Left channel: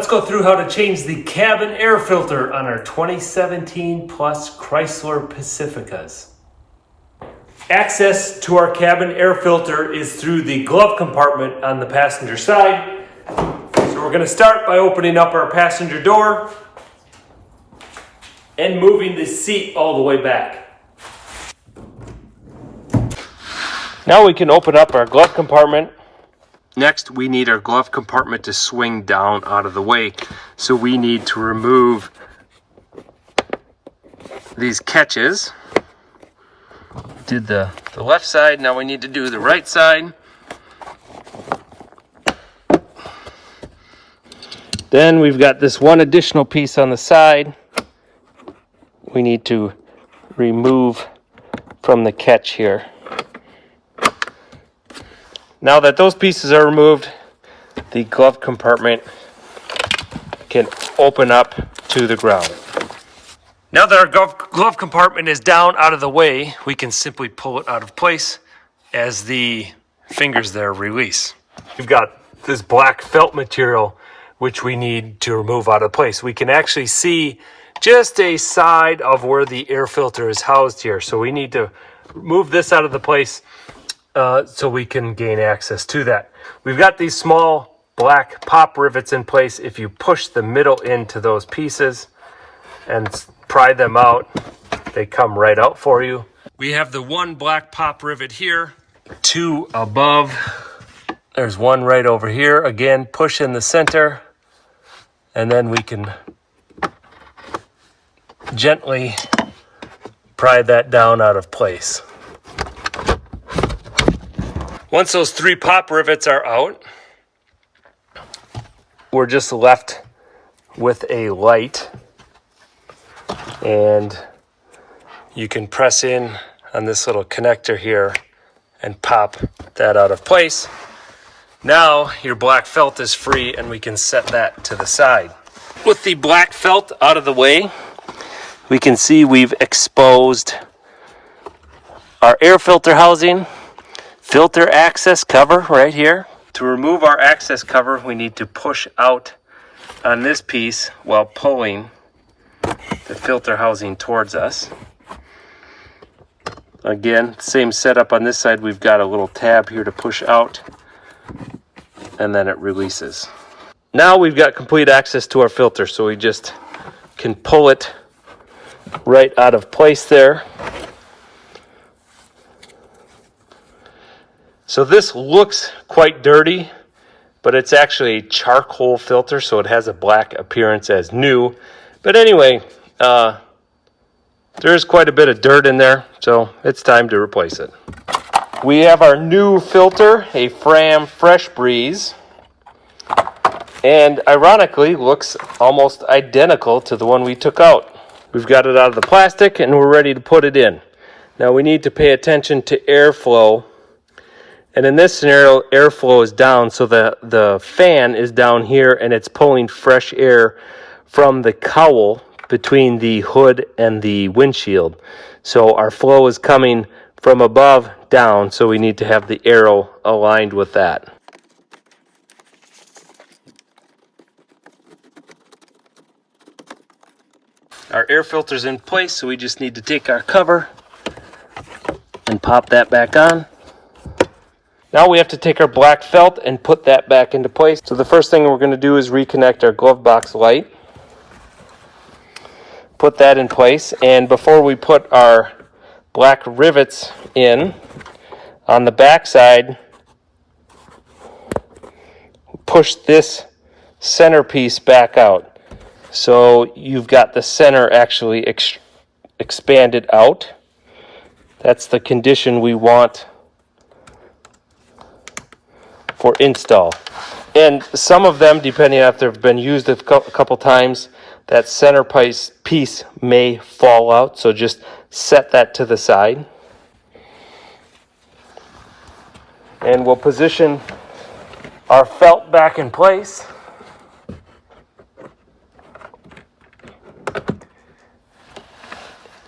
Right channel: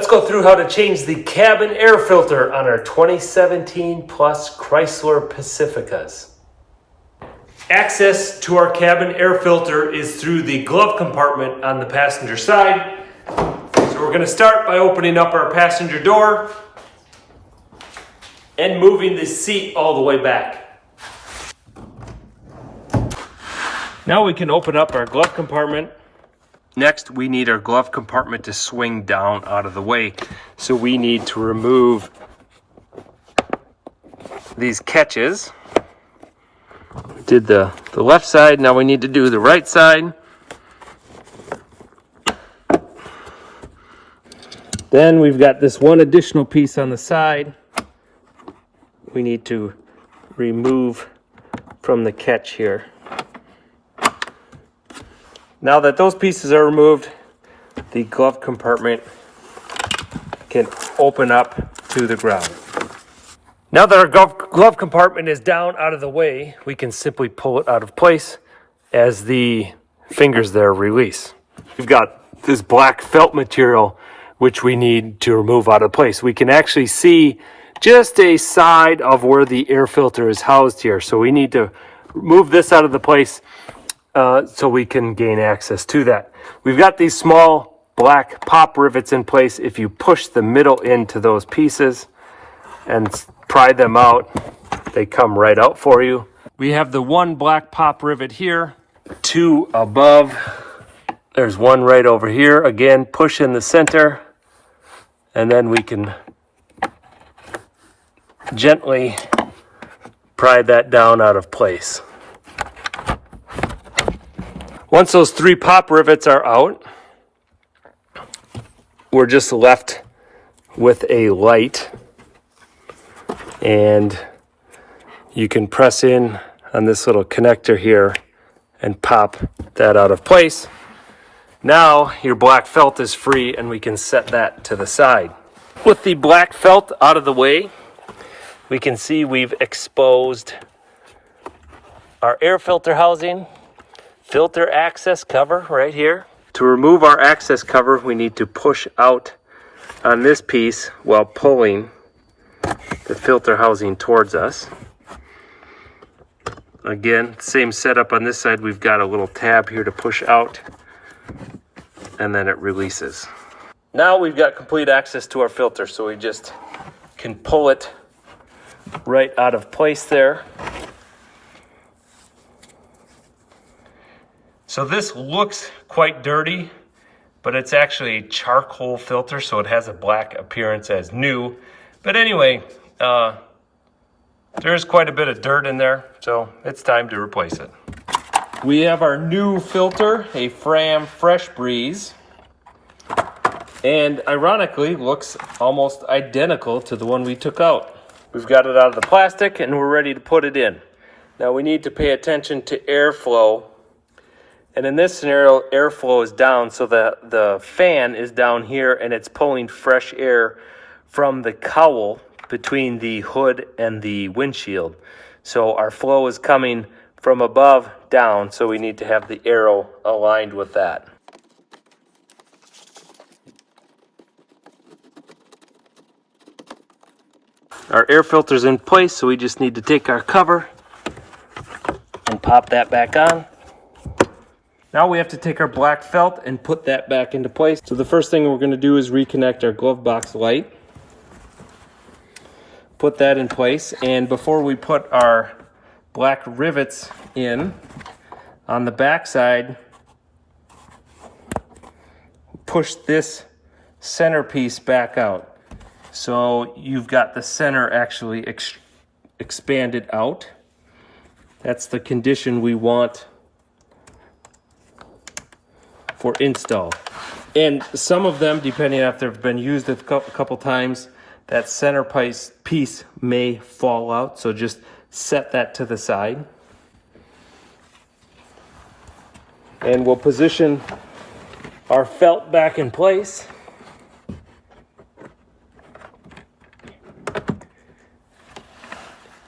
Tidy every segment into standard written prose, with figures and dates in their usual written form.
Let's go through how to change the cabin air filter on our 2017 plus Chrysler Pacificas. Access to our cabin air filter is through the glove compartment on the passenger side. So we're going to start by opening up our passenger door and moving the seat all the way back. Now we can open up our glove compartment. Next, we need our glove compartment to swing down out of the way. So we need to remove these catches. We did the left side, now we need to do the right side. Then we've got this one additional piece on the side we need to remove from the catch here. Now that those pieces are removed, the glove compartment can open up to the ground. Now that our glove compartment is down out of the way, we can simply pull it out of place as the fingers there release. We've got this black felt material which we need to remove out of place. We can actually see just a side of where the air filter is housed here. So we need to move this out of the place so we can gain access to that. We've got these small black pop rivets in place. If you push the middle into those pieces and pry them out, they come right out for you. We have the one black pop rivet here, two above. There's one right over here. Again, push in the center, and then we can gently pry that down out of place. Once those three pop rivets are out, we're just left with a light, and you can press in on this little connector here and pop that out of place. Now your black felt is free and we can set that to the side. With the black felt out of the way, we can see we've exposed our air filter housing, filter access cover right here. To remove our access cover, we need to push out on this piece while pulling the filter housing towards us. Again, same setup on this side. We've got a little tab here to push out, and then it releases. Now we've got complete access to our filter, so we just can pull it right out of place there. So this looks quite dirty, but it's actually a charcoal filter, so it has a black appearance as new. But anyway, there's quite a bit of dirt in there, so it's time to replace it. We have our new filter, a Fram Fresh Breeze, and ironically looks almost identical to the one we took out. We've got it out of the plastic and we're ready to put it in. Now we need to pay attention to airflow. And in this scenario, airflow is down, so the fan is down here and it's pulling fresh air from the cowl between the hood and the windshield. So our flow is coming from above down, so we need to have the arrow aligned with that. Our air filter's in place, so we just need to take our cover and pop that back on. Now we have to take our black felt and put that back into place. So the first thing we're going to do is reconnect our glove box light. Put that in place, and before we put our black rivets in, on the back side, push this center piece back out. So you've got the center actually expanded out. That's the condition we want for install. And some of them, depending on if they've been used a couple times, that center piece may fall out, so just set that to the side. And we'll position our felt back in place.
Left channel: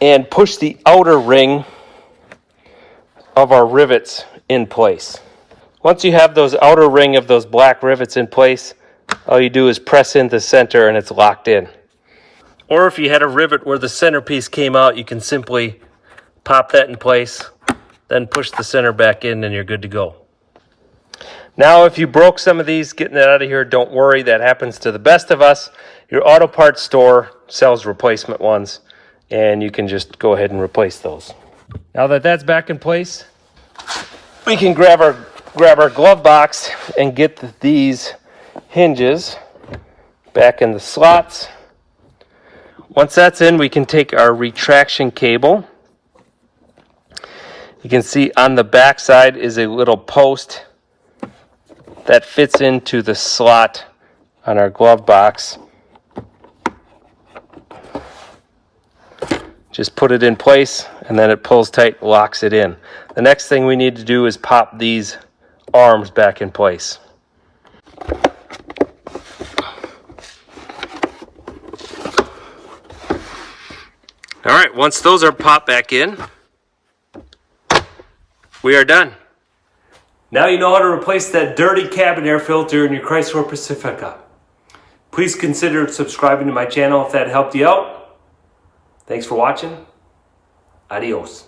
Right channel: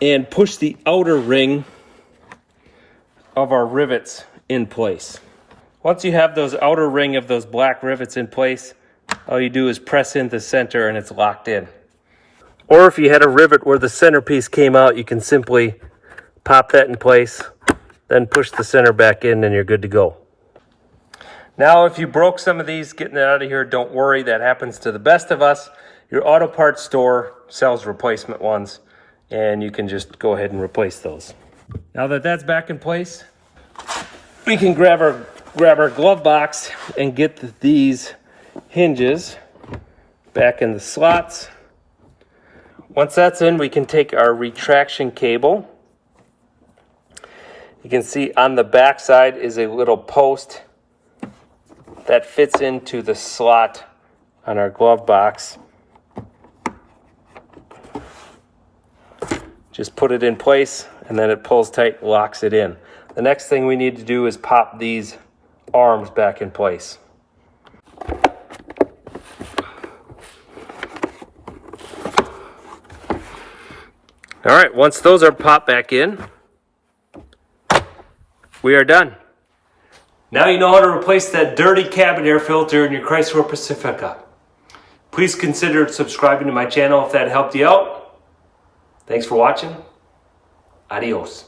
And push the outer ring of our rivets in place. Once you have those outer ring of those black rivets in place, All you do is press in the center and it's locked in. Or if you had a rivet where the centerpiece came out, you can simply pop that in place, then push the center back in and you're good to go. Now, if you broke some of these getting it out of here, don't worry, that happens to the best of us. Your auto parts store sells replacement ones, and you can just go ahead and replace those. Now that that's back in place, we can grab our glove box and get these hinges back in the slots. Once that's in, we can take our retraction cable. You can see on the back side is a little post that fits into the slot on our glove box. Just put it in place and then it pulls tight, locks it in. The next thing we need to do is pop these arms back in place. All right, once those are popped back in, we are done. Now you know how to replace that dirty cabin air filter in your Chrysler Pacifica. Please consider subscribing to my channel if that helped you out. Thanks for watching. Adios.